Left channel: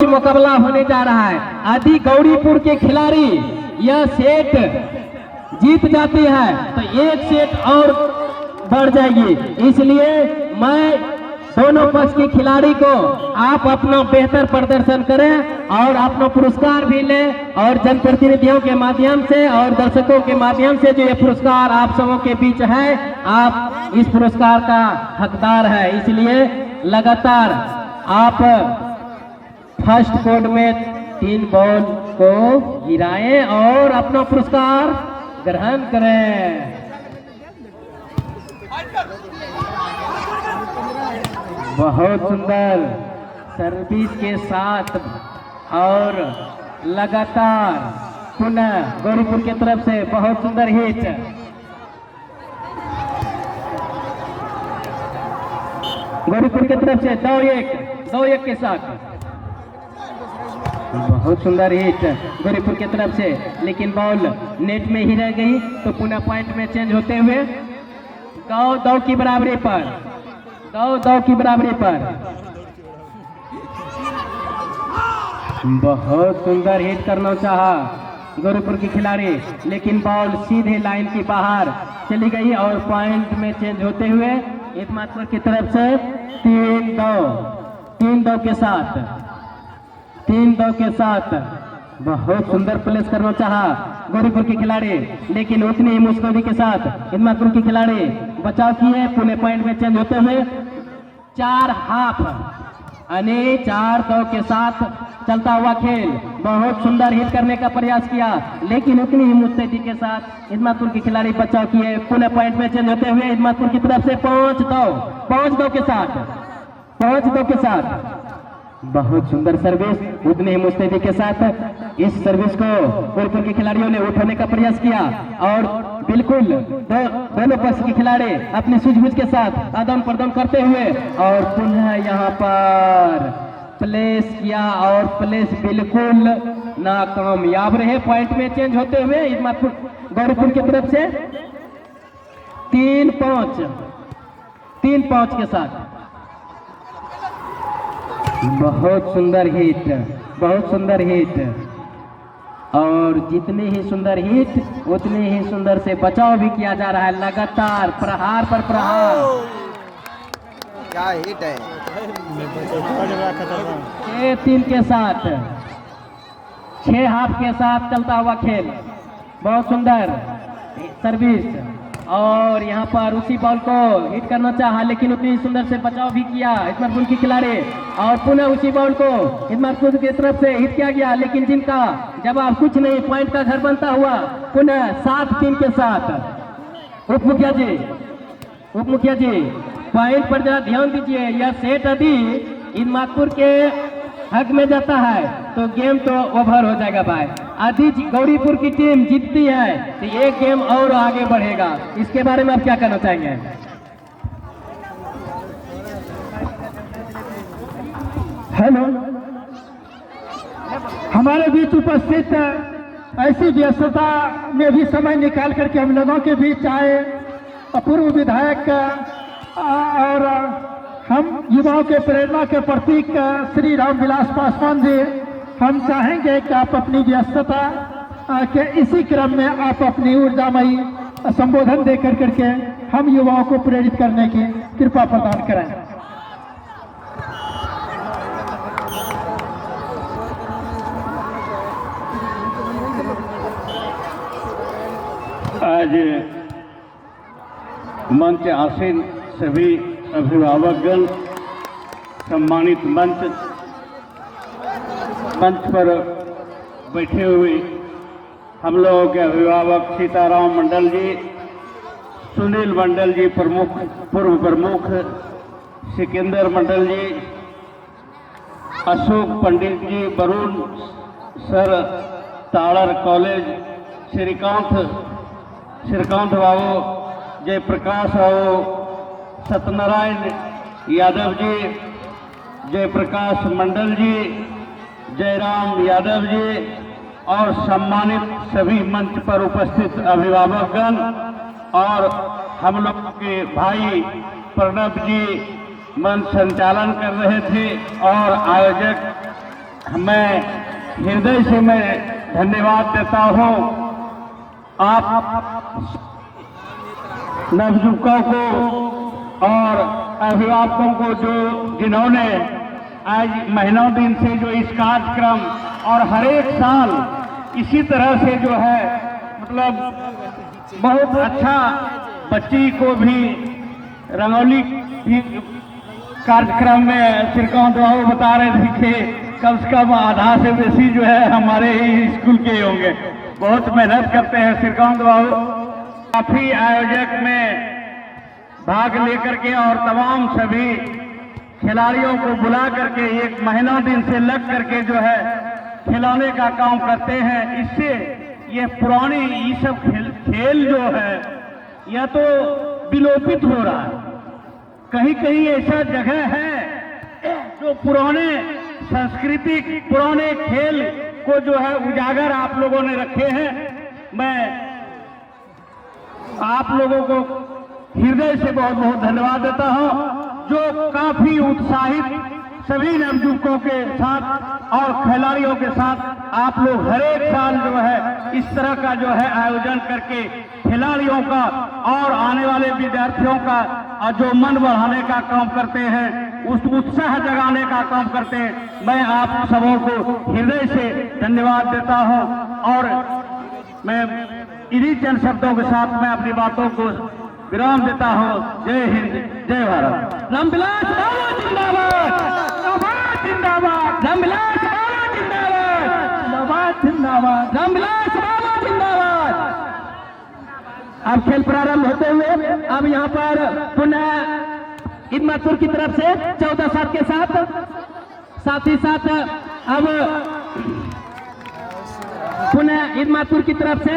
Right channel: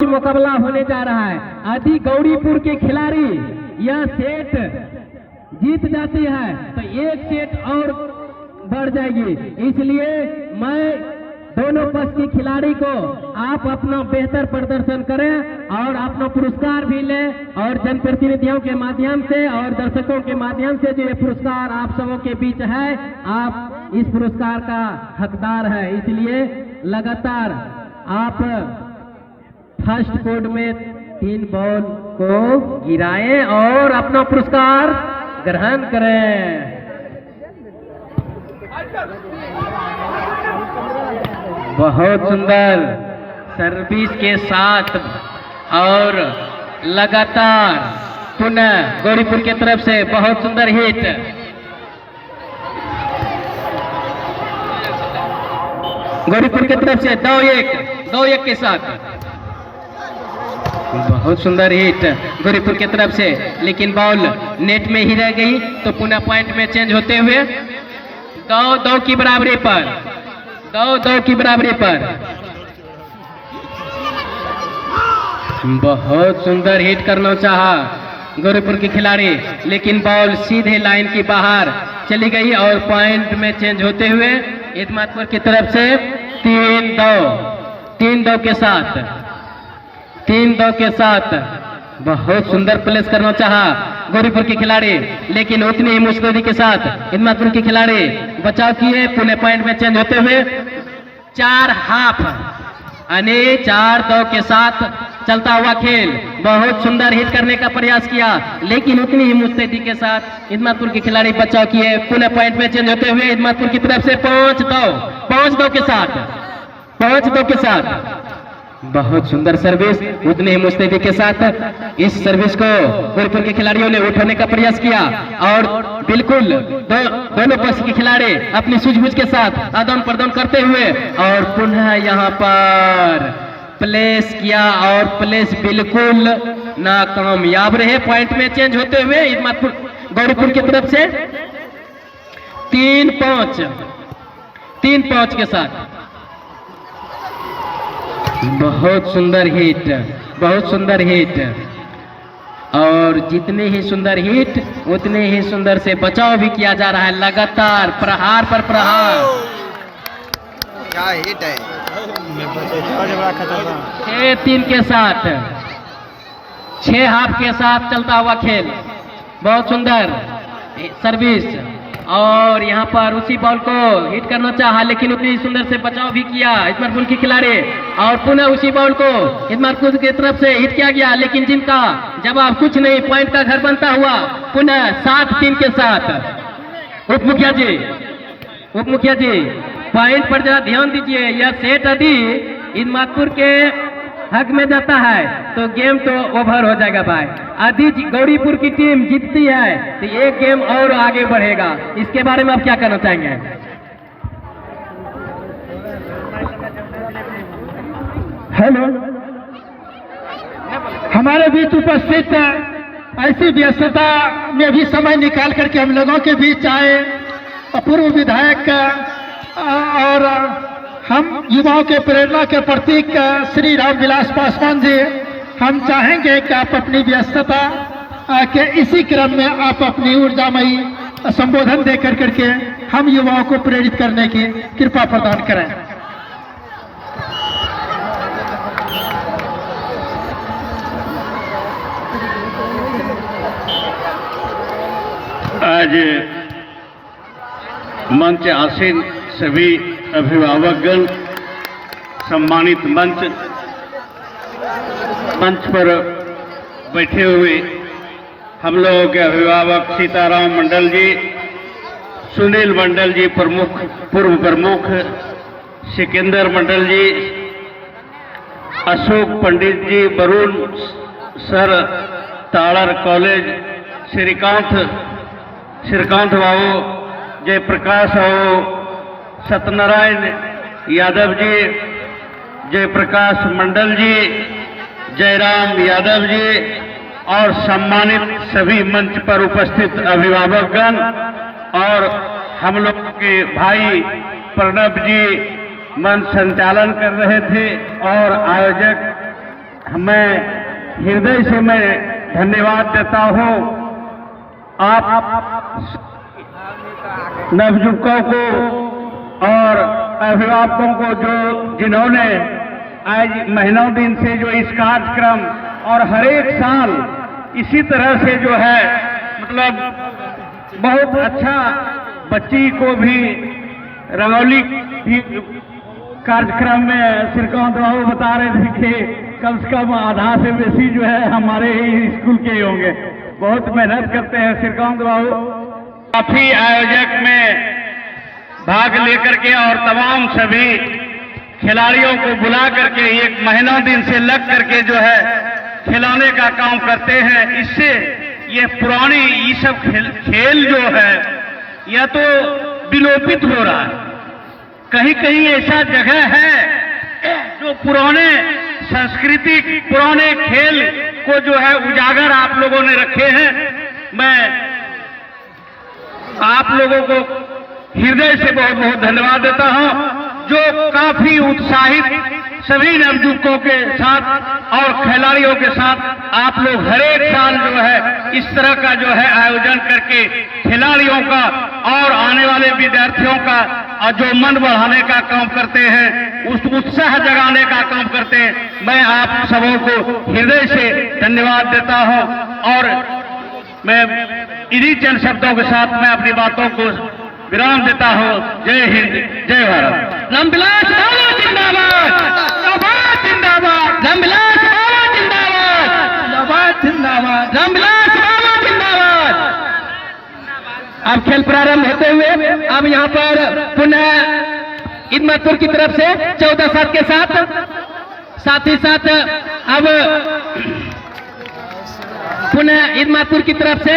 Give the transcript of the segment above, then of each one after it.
मुकाबला होने जा रहा है। आदि गौरीपुर के खिलाड़ी यह सेट जीत जाती है तो एक सेट और बढ़ जाएगी, इसलिए मैं दोनों पक्ष के खिलाड़ी को आप अपना बेहतर प्रदर्शन करें और अपना पुरस्कार भी लें और जनप्रतिनिधियों के माध्यम से और दर्शकों के माध्यम से जो ये पुरस्कार आप सबों के बीच है, आप इस पुरस्कार का हकदार है। इसलिए लगातार आप फर्स्ट कोड में 3 बॉल को गिराएं और अपना पुरस्कार ग्रहण करें। बहुत सुंदर सर्विस के साथ और लगातार पुनः गौरीपुर की तरफ से बहुत सुंदर हिट। गौरीपुर की तरफ से 2-1 के साथ बहुत सुंदर हिट गौरीपुर की तरफ से, लेकिन बॉल नेट में ही रह गई तो पुनः पॉइंट में चेंज होते हुए 2-2 की बराबरी पर 2-2 की बराबरी पर बहुत सुंदर हिट करना चाहा गौरीपुर के खिलाड़ी, लेकिन बॉल सीधे लाइन की बाहर चली गई और पॉइंट में चेंज होते हुए इतमादपुर की तरफ से 3-2 के साथ बहुत सुंदर प्लेस करना चाहा गौरीपुर के खिलाड़ी, लेकिन उतनी ही मुश्किल के साथ इतमादपुर के खिलाड़ी बचाव किए। पुणे पॉइंट में चेंज होते हुए 4 हाफ यानी 4-2 के साथ चलता हुआ खेल। बहुत सुंदर हिट करने का प्रयास किया, लेकिन उतनी ही मुस्तैदी के साथ इतमादपुर के खिलाड़ी बचाव किए। पुणे पॉइंट में चेंज होते हुए इतमादपुर की तरफ से 5-2 के साथ बहुत सुंदर सर्विस, उतने ही मुस्तैदी के साथ इस सर्विस को गौरीपुर के खिलाड़ियों ने उठाने का प्रयास किया और बिल्कुल दोनों पक्ष के खिलाड़ी अपनी सूझबूझ के साथ आदान प्रदान करते हुए और पुनः यहाँ पर प्लेस किया और प्लेस बिल्कुल नाकामयाब रहे। पॉइंट में चेंज होते हुए इतमादपुर गौरीपुर की तरफ से 3-5 के साथ बहुत सुंदर हिट और जितने ही सुंदर हिट उतने ही सुंदर से बचाव भी किया जा रहा है। लगातार प्रहार पर प्रहार। क्या हिट है 6-3 के साथ 6 हाफ के साथ चलता हुआ खेल। बहुत सुंदर सर्विस और यहाँ पर उसी बॉल को हिट करना चाहा, लेकिन उतनी सुंदर से बचाव भी किया इतमादपुर के खिलाड़ी और पुनः उसी बॉल को इतमादपुर की तरफ से हिट किया गया, लेकिन जिनका जवाब कुछ नहीं, पॉइंट का घर बनता हुआ पुनः 7-3 के साथ। उप मुखिया जी पॉइंट पर जरा ध्यान दीजिए। यह सेट यदि इतमादपुर के हक में जाता है तो गेम तो ओवर हो जाएगा भाई। यदि गौरीपुर की टीम जीतती है तो एक गेम और आगे बढ़ेगा। इसके बारे में आप क्या कहना चाहेंगे? हेलो, हमारे बीच उपस्थित ऐसी व्यस्तता में भी समय निकाल करके हम लोगों के बीच आए पूर्व विधायक और हम युवाओं के प्रेरणा के प्रतीक श्री रामविलास पासवान जी, हम चाहेंगे कि आप अपनी व्यस्तता के इसी क्रम में आप अपनी ऊर्जामयी संबोधन दे करके हम युवाओं को प्रेरित करने की कृपा प्रदान करें। आज मंच आसीन सभी अभिभावकगण, सम्मानित मंच पर बैठे हुए हम लोगों के अभिभावक सीताराम मंडल जी, सुनील मंडल जी पूर्व प्रमुख, सिकंदर मंडल जी, अशोक पंडित जी, वरुण सर, ताड़र कॉलेज, श्रीकांत बाबू, जयप्रकाश बाबू, सत्यनारायण यादव जी, जयप्रकाश मंडल जी, जयराम यादव जी और सम्मानित सभी मंच पर उपस्थित अभिभावकगण और हम लोग के भाई प्रणब जी मंच संचालन कर रहे थे और आयोजक मैं हृदय से मैं धन्यवाद देता हूँ आप नवयुवकों को और अभिभावकों को जिन्होंने आज महीनों दिन से जो इस कार्यक्रम और हर एक साल इसी तरह से जो है मतलब बहुत अच्छा बच्ची को भी रंगोली कार्यक्रम में श्रीकांत बाबू बता रहे थे कि कम से कम आधा से बेसी जो है हमारे ही स्कूल के होंगे। बहुत मेहनत करते हैं श्रीकांत बाबू। काफी आयोजक में भाग लेकर के और तमाम सभी खिलाड़ियों को बुला करके एक महीनों दिन से लग करके जो है खिलौने का काम करते हैं। इससे ये पुरानी ये सब खेल जो है यह तो विलोपित हो रहा है। कहीं कहीं ऐसा जगह है जो पुराने सांस्कृतिक पुराने खेल को जो है उजागर आप लोगों ने रखे हैं। मैं आप लोगों को हृदय से बहुत बहुत धन्यवाद देता हूं जो काफी उत्साहित सभी नवयुवकों के साथ और खिलाड़ियों के साथ आप लोग हर एक साल जो है इस तरह का जो है आयोजन करके खिलाड़ियों का और आने वाले विद्यार्थियों का जो मन बढ़ाने का काम करते हैं, उस उत्साह जगाने का काम करते हैं। मैं आप सबों को हृदय से धन्यवाद देता हूं और मैं इन्हीं चंद शब्दों के साथ मैं अपनी बातों को विराम देता हूं। जय हिंद, जय भारत। रामविलास बाबा जिंदाबाद, जिंदाबाद। रामविलास बाबा जिंदाबाद, जिंदाबाद। रामविलास बाबा जिंदाबाद। अब खेल प्रारंभ होते हुए अब यहाँ पर पुनः इदमातपुर की तरफ से 14-7 के साथ ही साथ अब पुनः इदमातपुर की तरफ से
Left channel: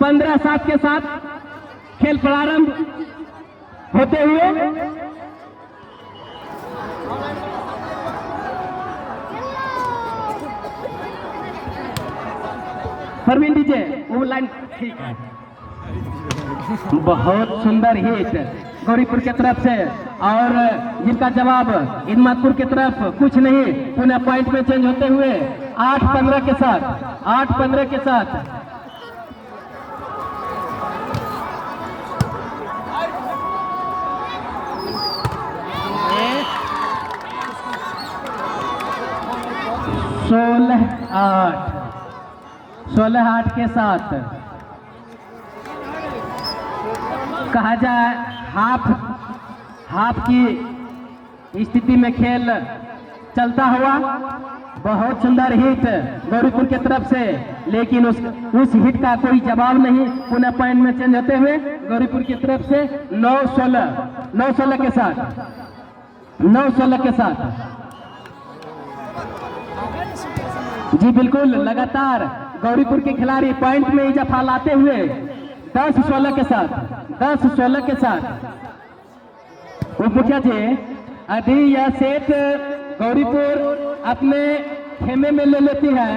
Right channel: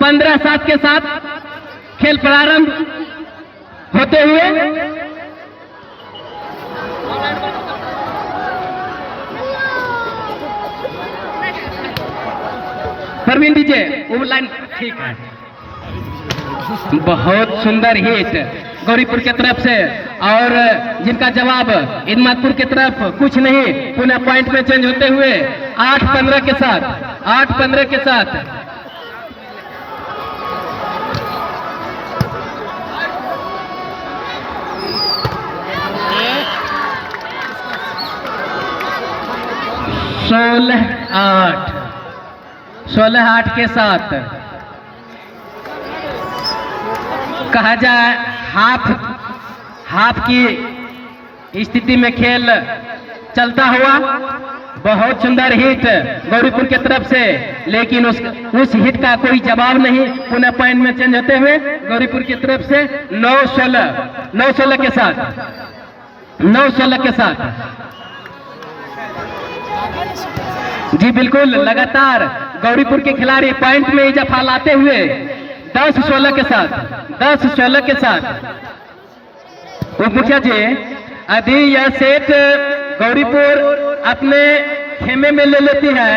15-7 के साथ खेल प्रारंभ होते हुए परवीन दीजिए वो लाइन ठीक है। बहुत सुंदर हिट गौरीपुर की तरफ से और जिनका जवाब इदमातपुर की तरफ कुछ नहीं। पुनः पॉइंट में चेंज होते हुए 8-15 के साथ 8-15 के साथ सोलह आठ के साथ कहा जाए हाफ की स्थिति में खेल चलता हुआ बहुत सुंदर हिट गौरीपुर की तरफ से, लेकिन उस हिट का कोई जवाब नहीं। पुनः पॉइंट में चेंज होते हुए गौरीपुर की तरफ से 9-16 के साथ जी बिल्कुल लगातार गौरीपुर के खिलाड़ी पॉइंट में इजाफा लाते हुए 10-16 के साथ उप मुखिया जी यदि यह सेट गौरीपुर अपने खेमे में ले लेती है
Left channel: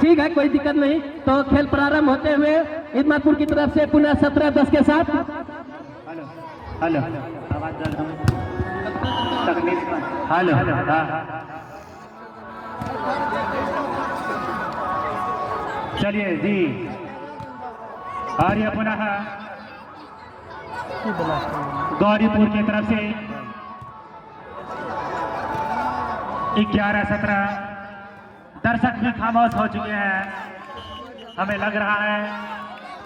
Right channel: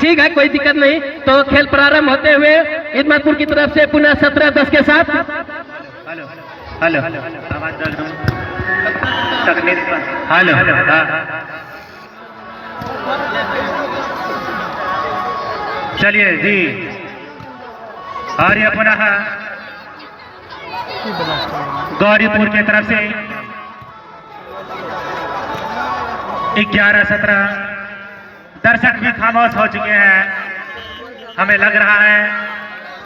ठीक है, कोई दिक्कत नहीं। तो खेल प्रारंभ होते हुए इदमातपुर की तरफ से पुनः 17-10 के साथ हेलो चलिए जी। और ये पुनः गौरीपुर की तरफ से 11-17 दर्शक भी खामोश हो चुके हैं। हमें लग रहा है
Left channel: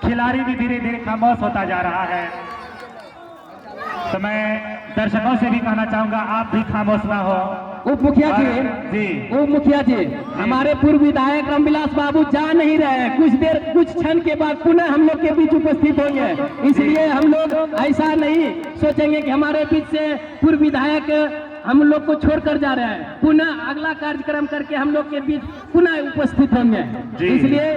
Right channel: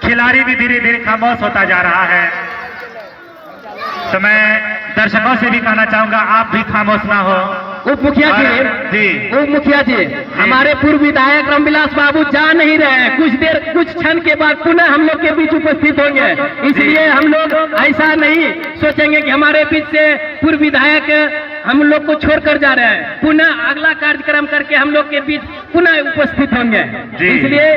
खिलाड़ी भी धीरे धीरे खामोश होता जा रहा है। तो मैं दर्शकों से भी कहना चाहूंगा आप भी खामोश ना हो। उप मुखिया जी हमारे पूर्व विधायक रामविलास बाबू जा नहीं रहे हैं। कुछ क्षण के बाद पुनः हम लोग के बीच उपस्थित होंगे, इसलिए हम लोग ऐसा नहीं सोचेंगे कि हमारे बीच से पूर्व विधायक हम लोग को छोड़कर जा रहे हैं। पुनः अगला कार्यक्रम करके हम लोग के बीच पुनः उपस्थित होंगे, इसलिए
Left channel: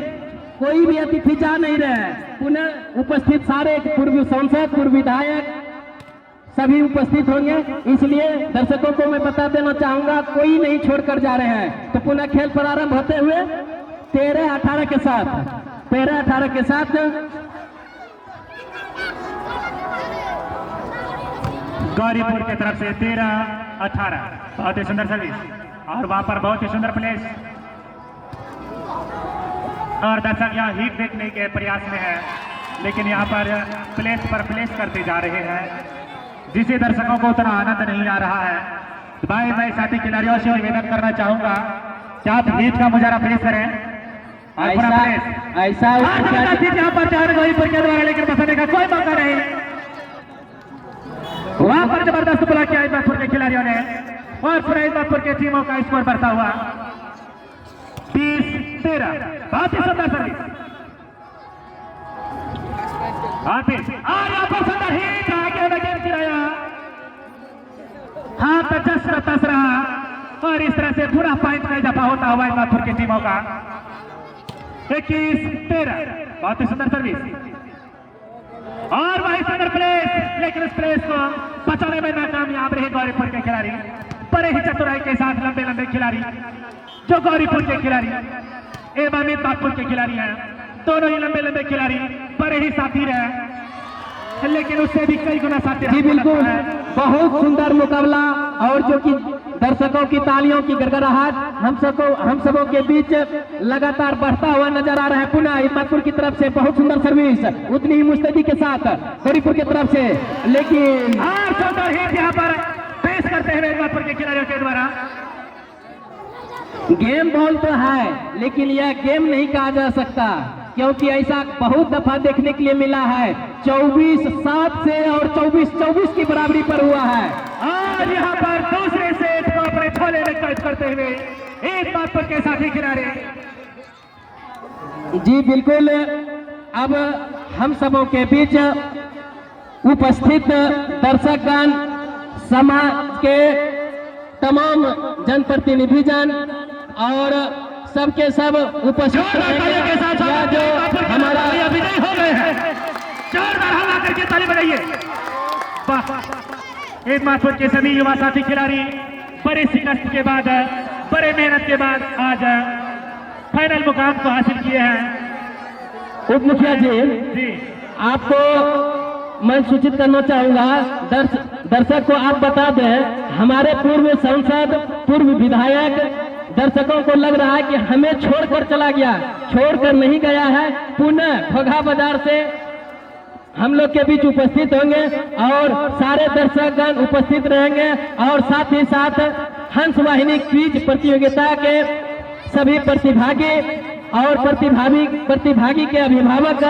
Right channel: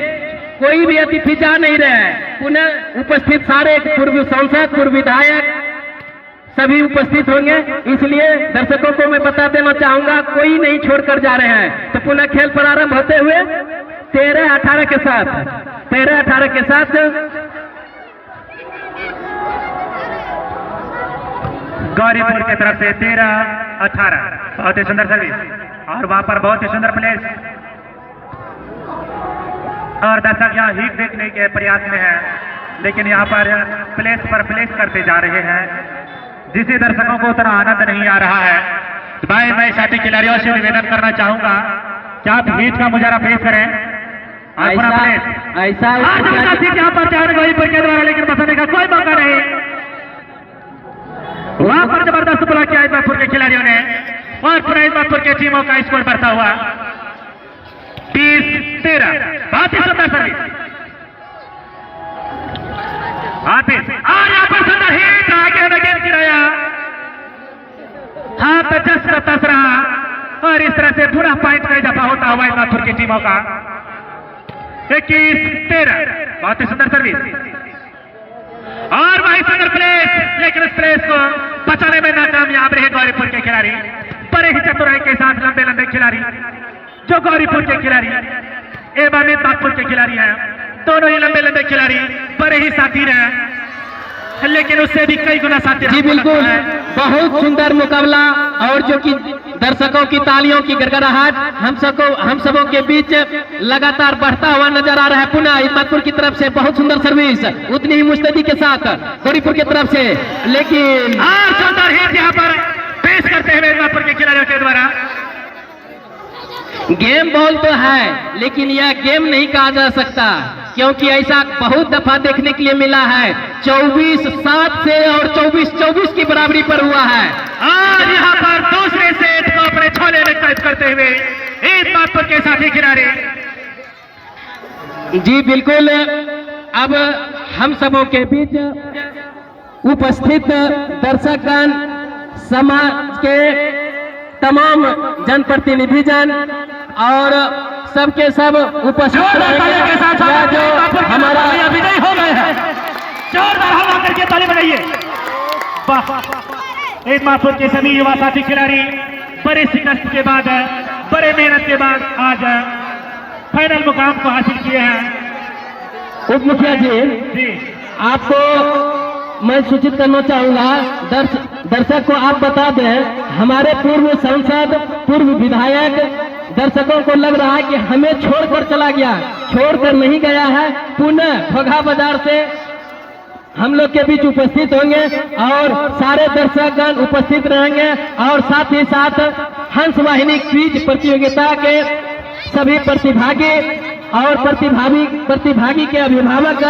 कोई भी अतिथि जा नहीं रहे हैं। पुनः उपस्थित सारे पूर्व सांसद पूर्व विधायक सभी उपस्थित होंगे, इसलिए दर्शकों को मैं बता देना चाहूंगा कोई नहीं छोड़कर जा रहे हैं। तो पुनः खेल प्रारंभ होते हुए 13-18 के साथ गौरीपुर की तरफ से 13-18। बहुत ही सुंदर सर्विस और वहां पर बहुत ही सुंदर प्लेस और दर्शक यहाँ हीट देखने के प्रयास में है, लेकिन यहाँ पर प्लेस पर प्लेस करते जा रहे हैं, जिसे दर्शकों को उतना आनंद नहीं आ रहा है। भाई मैं साथी खिलाड़ियों से निवेदन करना चाहूंगा कि आप हीट का मुजाहरा पेश करें। ऐसा यहाँ पर तैयार गौरीपुर के द्वारा, लेकिन बसने का कोई मौका नहीं। वहां पर जबरदस्त बोला किया इस्मापुर के खिलाड़ियों ने और पूरा इस्मापुर के टीमों का स्कोर बढ़ता हुआ 20-13। बहुत ही सुंदर सर्विस और यहाँ पर सुंदर हिट आगे विकेट गिराया, हाथ तस रहा और इस तरह से पूरा पॉइंट का इजाफा होता हुआ इस्मापुर की टीमों का 21-13। बहुत ही सुंदर सर्विस और वही सुंदर प्लेस, लेकिन इस प्लेस को बचाने में नाकामयाब रहे गौरीपुर के खिलाड़ी। बड़े ही चतुराई के साथ लंबे लंबे खिलाड़ी जो गौरीपुर के खिलाड़ी एवं इस्मापुर के खिलाड़ी हैं, दोनों ही लंबे लंबे खिलाड़ी बड़े ही साथी रहे, लेकिन उससे भी कई गुना साथी। जी बिल्कुल, बहुत सुंदर मुकाबला और जो कि दर्शकों की तालियों की गड़गड़ाहट हम सबों के बीच लगातार बढ़ता हुआ नजर आ रहा है। पुनः इस्मापुर की तरफ से बहुत सुंदर सर्विस उतनी ही मुस्तैदी के साथ गौरीपुर की तरफ से, लेकिन सुंदर हिट यहाँ पर पेश करते हुए इस्मापुर के खिलाड़ियों के द्वारा। गेम बॉल तो है, लेकिन यह गेम नहीं कहा जा सकता, क्योंकि ऐसा बहुत दफा देखने के लिए मिला है। 24-7 से और 24-24 की बराबरी पर हुआ है और यहाँ पर दूसरे सेट को अपने छोले में कैद करते हुए इस्मापुर के साथी खिलाड़ी। जी बिल्कुल, अब हम सबों के बीच उपस्थित दर्शकगण, समाज के तमाम जनप्रतिनिधिजन और सबके सब उपस्थित के साथ जो हमारा विजय हो गए हैं। जोरदार हवा करके ताली बजाइए। इस्मापुर के सभी युवा साथी खिलाड़ी बड़े संघर्ष के बाद, बड़े मेहनत के बाद आज फाइनल मुकाम को हासिल किए हैं। उप मुखिया जी, आपको मैं सूचित करना चाहूंगा, दर्शक को आप बता दें, हमारे पूर्व सांसद, पूर्व विधायक दर्शकों को लग रहा है कि हमें छोड़कर चला गया, छोड़कर नहीं गया है। पुनः घोघा बाजार से हम लोग के बीच उपस्थित होंगे और सारे दर्शकगण उपस्थित रहेंगे और साथ ही साथ हंस वाहिनी क्विज प्रतियोगिता के सभी प्रतिभागी और प्रतिभागी के अभिभावक